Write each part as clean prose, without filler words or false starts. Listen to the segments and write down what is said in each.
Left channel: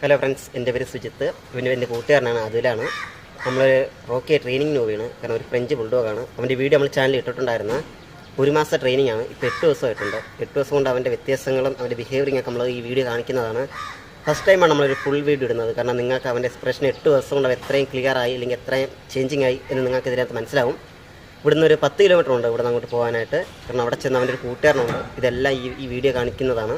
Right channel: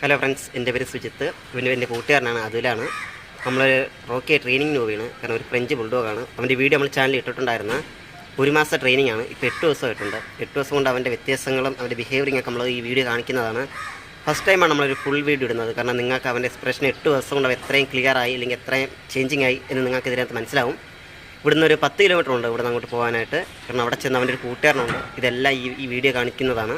Hello friends, എൻ്റെ പേര് സുജിത്ത്. എൻ്റെ കൂട്ടുകാരനാണ്, അതുലാണ്. നമ്മളൊരു റോക്കി ട്രെയിനിങ്ങിന് പോവുകയാണ്. കാരണം ഒരു ഫ്രഞ്ച് ബുൾഡോഗാണ്. അവൻ്റെ വീഡിയോ നമ്മൾ ചാനലിൽ ഇട്ടിട്ടുണ്ടായിരുന്ന 1 മാസത്തെ ട്രെയിനിങ് ആണ്. ഇപ്പോൾ 8 ദിവസമായിട്ടുണ്ട്. 8 ദിവസം കൊണ്ട് അവൻ്റെ വ്യത്യാസങ്ങളും അവൻ്റെ ബിഹേവിയറിംഗ് ഒക്കെ നമ്മൾ ഈ വീഡിയോ കാണിക്കുന്നതാണ്. ഫസ്റ്റ് ടൈമാണ് നമ്മളൊരു ഫുൾ വീഡിയോ ഇടുന്നത്. കാരണം നിങ്ങൾക്ക് അവൻ്റെ എക്സ്പ്രഷൻ 8 ദിവസം കൊണ്ട് എത്രയും ക്ലിയർ ആയി അല്ലെങ്കിൽ എത്രയും ചേഞ്ചിങ് ആയി എന്ന് നിങ്ങൾക്ക് ഇതിനകത്ത് മനസ്സിലാവും. ഇവിടുന്ന് ഒരു 10 കിലോമീറ്റർ ഉണ്ട് ഇവിടെ നിന്ന് അങ്ങോട്ട് പോകാനായിട്ട്. കാരണം അവിടെ ചെന്ന് അവൻ്റെ ഒരു കൂട്ടുകാരനുണ്ട്. ഇതെല്ലാം ഈ വീഡിയോ കാണിക്കുന്നതാണ്.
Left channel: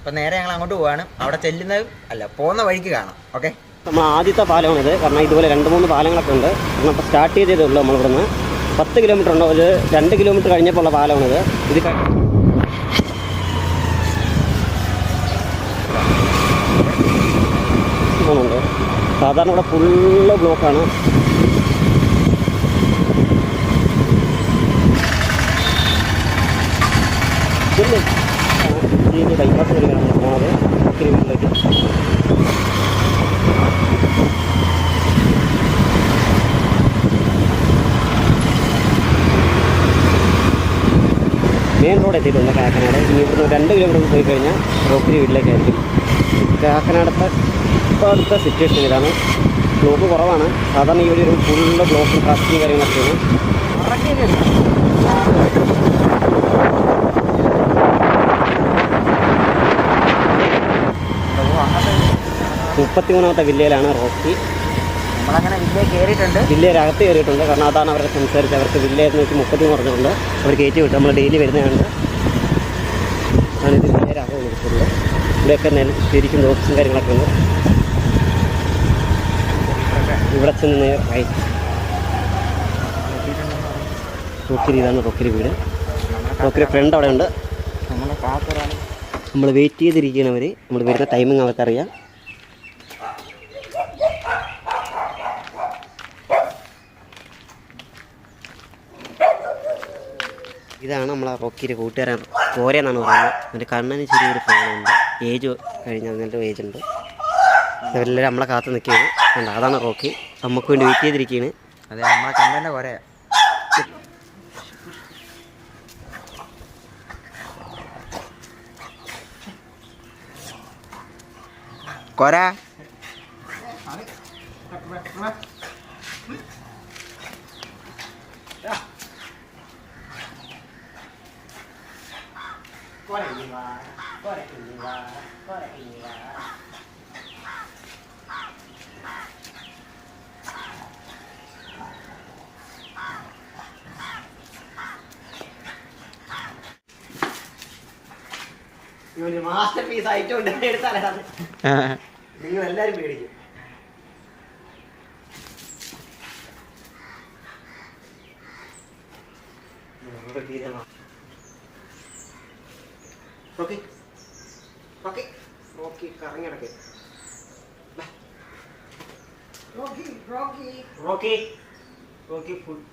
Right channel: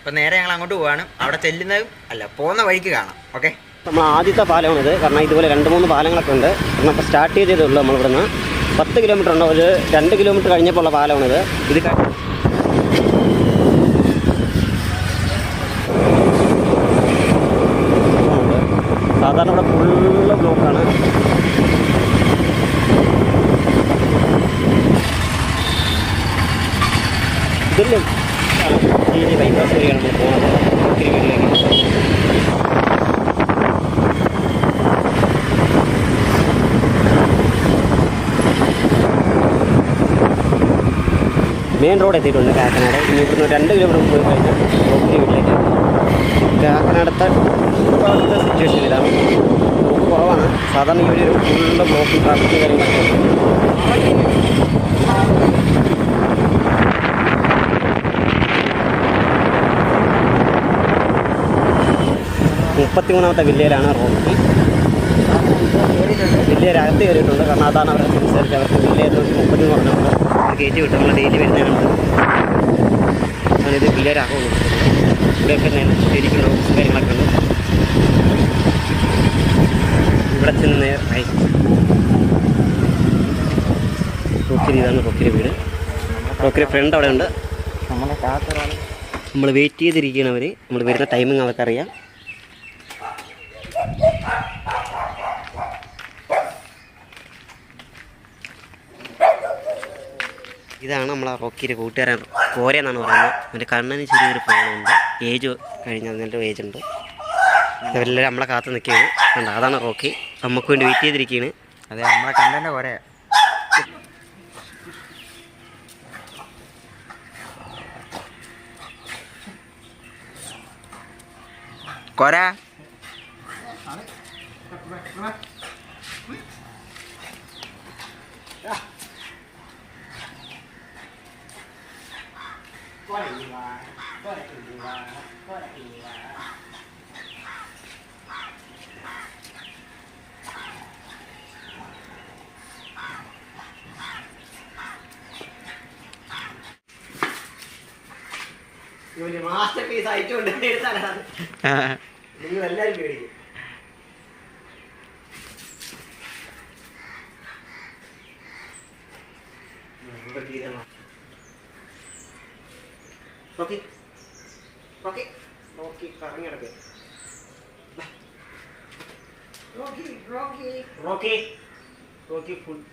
അപ്പോൾ നേരെ ഞങ്ങൾ അങ്ങോട്ട് പോവാണ്. അവിടെ ചെല്ലുന്നത് അല്ല, പോകുന്ന വഴിക്ക് കാണാം. ഓക്കെ, നമ്മൾ ആദ്യത്തെ പാലമാണിത്. കാരണം ഇതുപോലെ 2-3 പാലങ്ങളൊക്കെ ഉണ്ട്. കാരണം ഇപ്പോൾ സ്റ്റാർട്ട് ചെയ്തതേ ഉള്ളൂ. നമ്മളിവിടുന്ന് 10 കിലോമീറ്റർ ഉണ്ട്. ഒരു 2 കിലോമീറ്റർ കഴിഞ്ഞപ്പോൾ ഉള്ള പാലമാണിത്. ഇത് ഉണ്ട്. സാധാരണ ഇവിടെ ഫുള്ള് ബ്ലോക്കാണ്. ഇതിൽ ഈ ബൈപ്പാസ് വഴിയാണ് നമ്മൾ പോകുന്നത് ഒത്തിരി വീട്ടിലേക്ക്. മെയിൻ റോഡ് എത്തിയിട്ടുണ്ട് കാക്കനാട്. ഇനി ഇവിടുന്ന് 2 കിലോമീറ്റർ പോയി കഴിഞ്ഞാൽ റോക്കിരി വീട്ടിലേക്ക് എത്തി. കാക്കനാടത്തെ അടുത്ത സിറ്റുവേഷൻ ഇതാണ്. ബ്ലോക്ക് കുറവാണ്. സാധാരണ ഈ ഒരു ഫുള്ള് ബ്ലോക്കും ട്രാഫിക്കും കാര്യങ്ങളൊക്കെയാണ്. 33ാമത്തെ വില്ലയിലാണ് റോക്കി. വില്ലയിലകത്ത് കയറിയിട്ടുണ്ട്. കാരണം അതാണ് അവരെ സംസാരിച്ച് അവർക്ക് വില്ലയിൽ നോക്കി 30 പറഞ്ഞുകൊണ്ട് അവർ കയറ്റി വിട്ട് നമ്മൾ ഡെയിലി വരുന്നതാണ്. അതിത് വില്ലയിലാകെ കൊടുക്കുന്നത്. ഇവിടെയൊക്കെ ശരിക്കും റോക്സും കാര്യങ്ങളൊക്കെ ഉണ്ട്. ഇവിടെ ചെന്ന് നേരായി റോക്കിരി. ഇതാണ് റോക്കിരി വീട്. റോക്കിരി ഫ്രണ്ട് അവിടെ ഉണ്ട്. നമ്മൾ വെയിറ്റ് ചെയ്തിരിക്കുന്നവർ നമ്മൾ വരുന്ന ടൈമിങ് അവർക്കറിയാം. ഇതാണ് നമ്മളെ റോക്കിയുടെ കൂട്ടുകാരൻ. കോരയെന്നാണ് പറയുന്നത്. അവൻ്റെ കണ്ണിന് ചെറിയൊരു പ്രോബ്ലമുണ്ട്. ഏജ് കഴിഞ്ഞാൽ അതിൻ്റെ ഏജ് ഉണ്ട്. അവരെല്ലാവരും നമ്മളെ കാത്ത് നിൽക്കുകയാണ്. കണ്ടോ, അതാണ് റോക്കി. നമുക്ക് വേണ്ടി വെയിറ്റ് ചെയ്തിരിക്കുകയാണ്. അതെ, നമ്മളെ കണ്ണൻ്റെ കോര. കോര മാസ്റ്റർ പീസ് ആയിട്ടുണ്ട്. എടുത്താലാണ് നിങ്ങൾ എല്ലാവരും പേടിക്കും. റോക്കി റോക്കി റോക്കി കറങ്ങിടക്ക്. Rocky Rocky Rocky Rocky food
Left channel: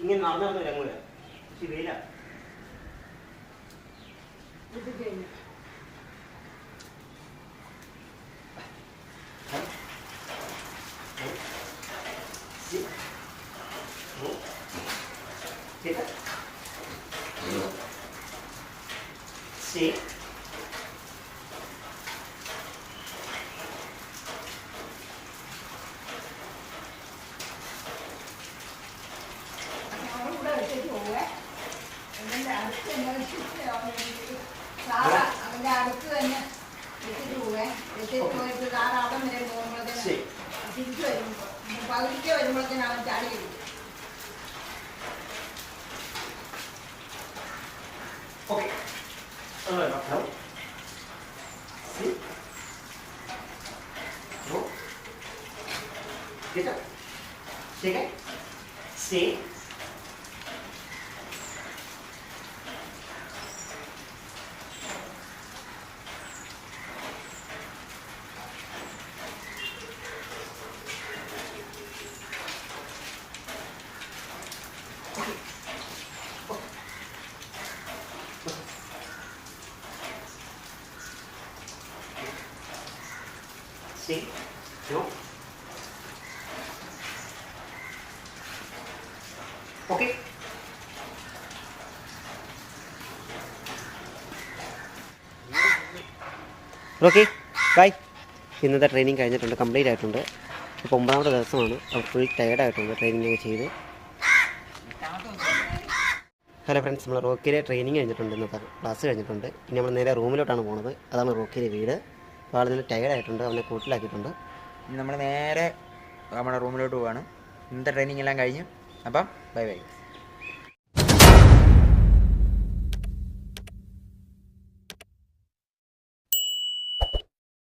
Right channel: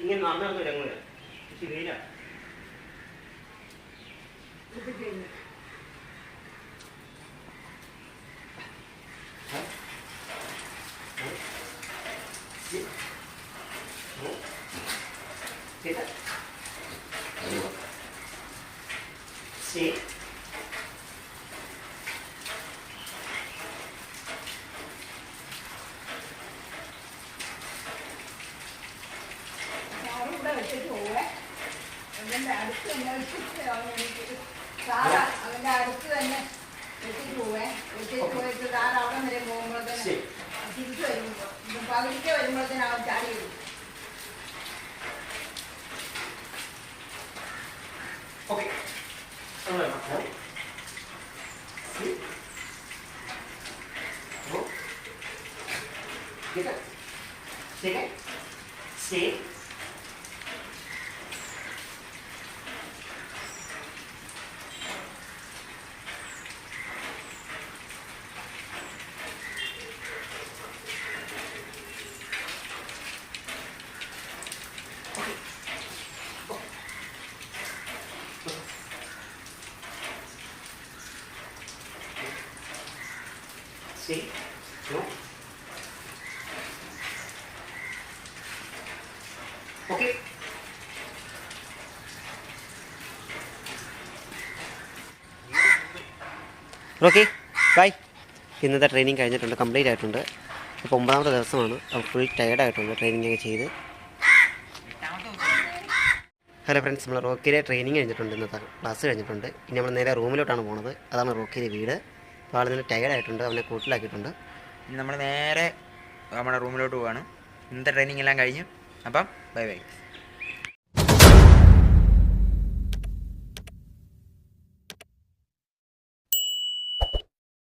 ഇങ്ങനെ നടന്നു ഇറങ്ങൂല. വെയില Okay. Stay. Stay. No. Okay. Okay bye. ഇന്നത്തെ ട്രെയിനിങ് കഴിഞ്ഞിട്ടുണ്ട്, കംപ്ലീറ്റ് ആയിട്ടുണ്ട്. ഇപ്പോൾ 9ാമത്തെ ദിവസമാണ്. അപ്പോൾ ഫുൾ ടയർഡായിട്ടുണ്ട് ട്രെയിനിങ് ഒക്കെ ചെയ്ത്. ഹലോ ഫ്രണ്ട്സ്, നമ്മൾ റോക്കിയിലെ ട്രെയിനിങ് കഴിഞ്ഞിട്ടുണ്ട്, ഇന്നത്തെ ക്ലാസ് കഴിഞ്ഞിട്ടുണ്ട്. ഇനി നമ്മൾ നേരെ റൂമിലോട്ടാണ് പോകുന്നത്. അതാണ് റോക്കിയിലെ വീട്. അപ്പോൾ ആൾ നിന്ന് ടയർഡായിട്ടുണ്ട്, അവനെ കൂട്ടിലാക്കിയിട്ടുണ്ട്. ഇനി നമ്മൾ നേരെ നമ്മുടെ റൂമിലോട്ട് പോവാണ്. ഇന്നത്തെ ട്രെയിനിങ് എല്ലാം കഴിഞ്ഞു. അപ്പം ബൈ ബൈ.